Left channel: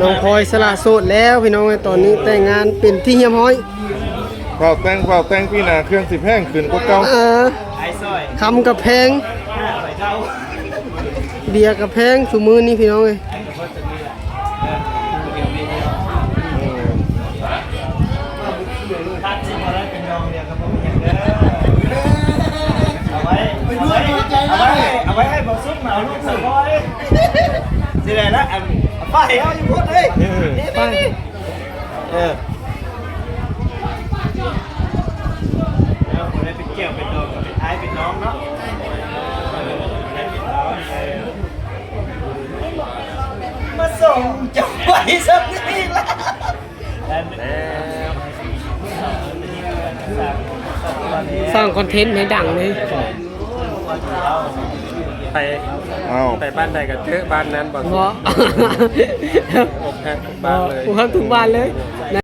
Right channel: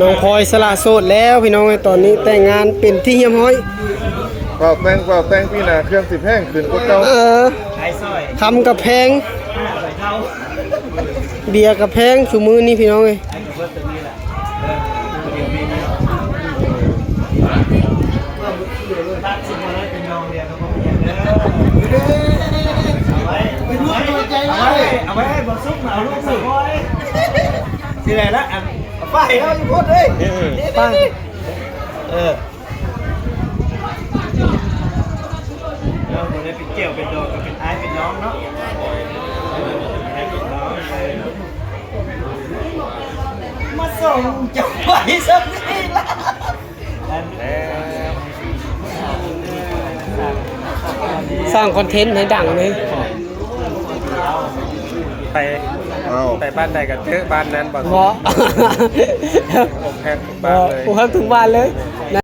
น้องพลอยสละโสดแล้วพี่น้องตอนนี้แต่งงานเป็นที่เฮียมห้อยเป่าแต่งพี่นาเครื่องสิบแห้งขึ้นก็เก่าคำกับแพงเบียร์กับแพงสุมือนี่พี่น้องเลยเอาไว้ให้บอสุกมาเอาลูกสาวไว้สิไรนะป้าเฮ้ยอยู่พูดเลยป้าคนนี้เป็นเกี่ยวเป็นดอกกับเป็นไอ้เป็นน้องเนาะมาส่งจับไว้สักทีละสร้างคอนเทนต์ให้ดังเลยไปบ้านใดกันเจอบ้านนั้นบ่อกแพงทุกบ้านเลย